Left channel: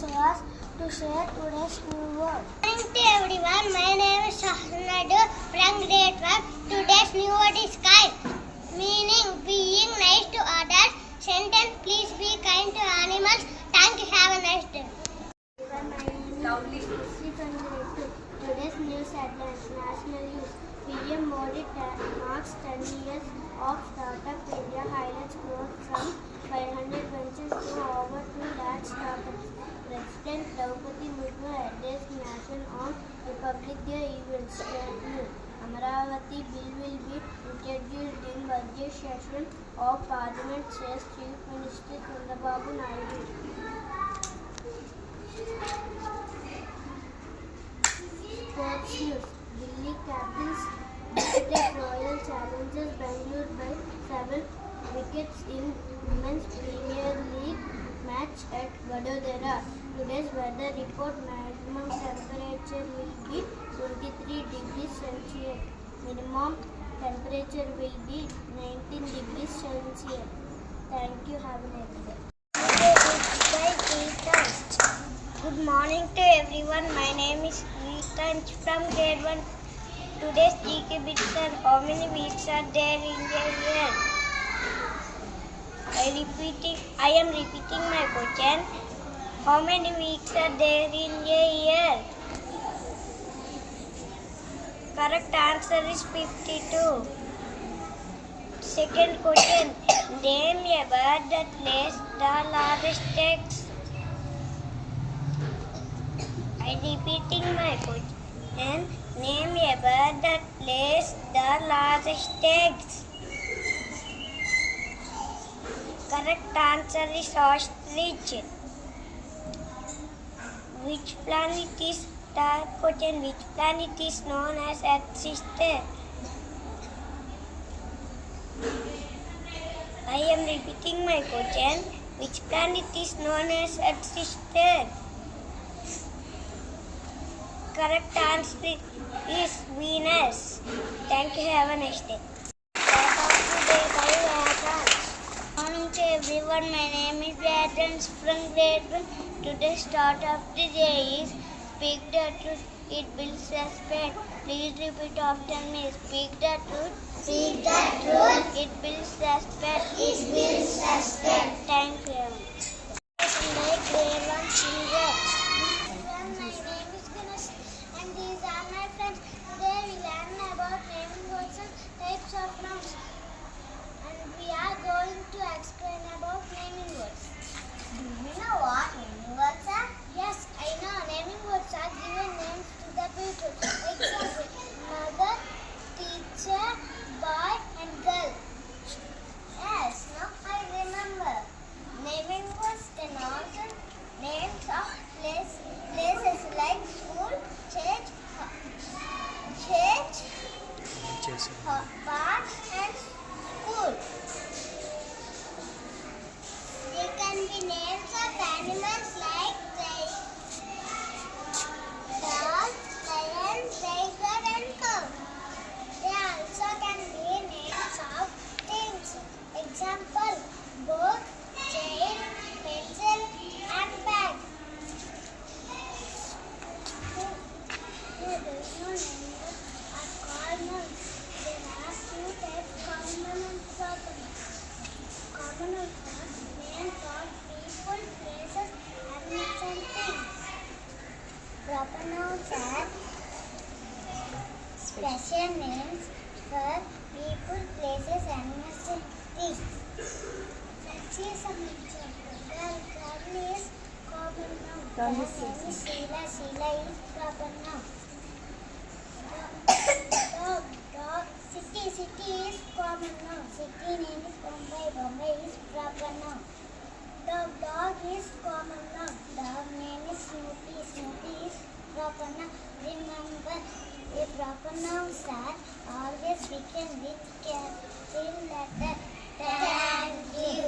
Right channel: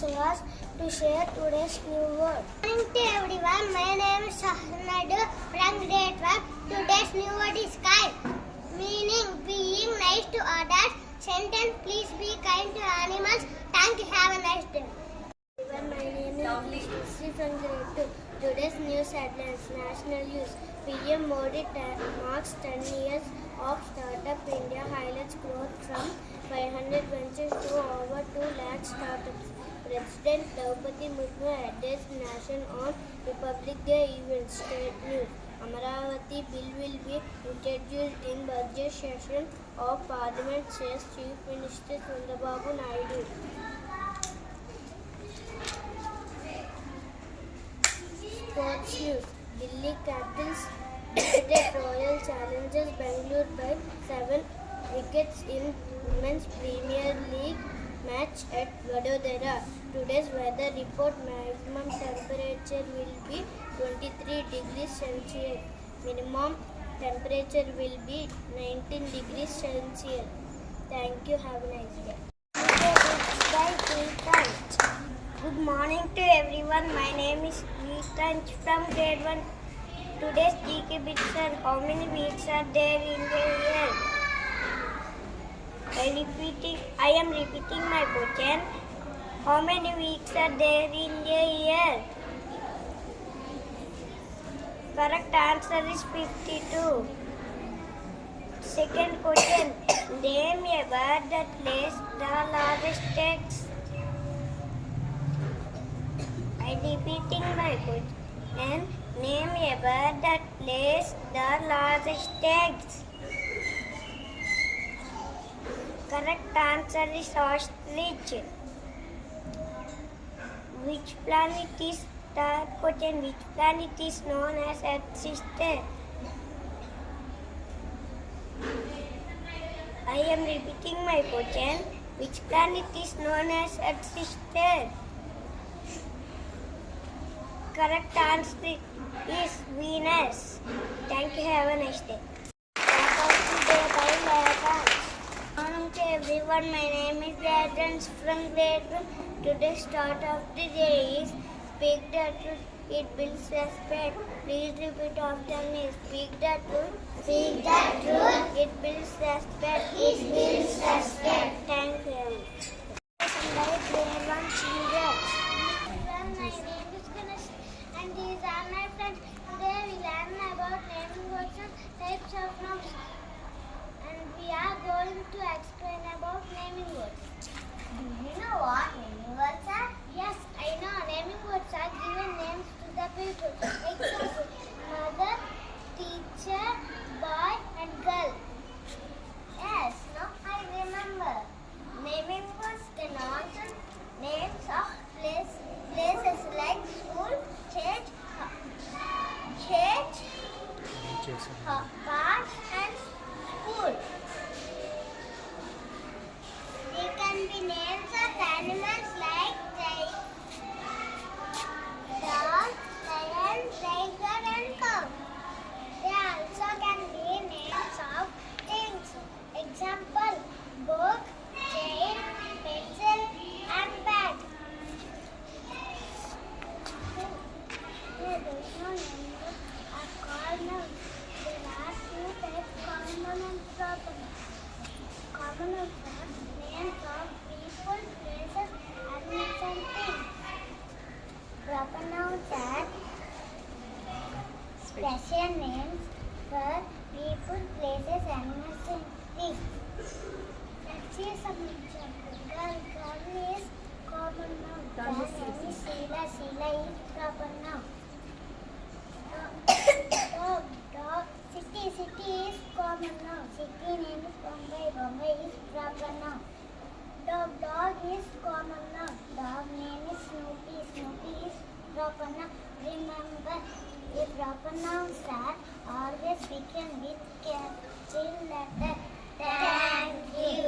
so as to share today's new word. Good morning to everyone. My name is Shahnadu from Grade 1. Today's new word is kind. Meaning being nice to others. Sentence: please be kind to animals. Thank you. Have a nice day. My name is Sri from Grade 2. Today's news headlines: National News. PM Modi marks 10 years of Startup India, highlights growth from 500 ventures to over 2 lakh startups. President Draupadi Murmu addressed nation on Republic Day event. State news: Amaravati bill will be introduced in budget session of Parliament, says Chief Minister Chandrababu Naidu. Sports news: Delhi Capitals defeated Royal Challengers Bangalore by 7 wickets in Women's Premier League match at Vadodara. Today's weather report: maximum temperature will be 23 degrees Celsius. Minimum temperature will be 19 degrees Celsius. Thank you. Have a nice day. Good morning to everyone. My name is Ethan from Grade 1. Today's GK bits are: how many weeks are there in a year? I am repeating my question. How many weeks are there in a year? Correct answer is 52. Second question. Name a bird that lays the largest eggs. I am repeating my question. Name a bird that lays the largest eggs. Correct answer is ostrich. Which planet is Which planet is known as Earth's sister? I am repeating my question. Which planet is known as Earth's sister? Correct answer is Venus. Thank you. Have a nice day. Good morning to everyone. My name is Adams from Grade 1. Today's start of the day is: speak the truth, it builds respect. Please repeat after me. Speak the truth. Speak the truth. It builds respect. It builds respect. Thank you. Grade 1 children. My name is Ganesh and these are my friends. Today we learn about naming words and types of nouns. And we are going to explain about naming words. Do you know what naming words are? Yes, I know. Naming words are given names to the people. Example: mother, teacher, boy, and girl. Yes, now I remember. Naming words can also names of places like school, church, park, and school. They can be names of animals like dog, lion, tiger, and cow. They also can be names of things. Example: book, chain, pencil, and bag. There is no name are called nouns. There are 2 types: common noun and proper noun. Common nouns are names of people, places, animals, and things. Proper nouns are special names for people, places, animals, and things. Let's see some examples. Girl is common noun. Her name is Sheila. Sheila is proper noun. Dog. City is common noun. City name is Bombay. Bombay is proper noun. Dog is common noun. Dog name is Snoopy. Snoopy is proper noun. Remember, the proper nouns are always written with capital letter. Thank you.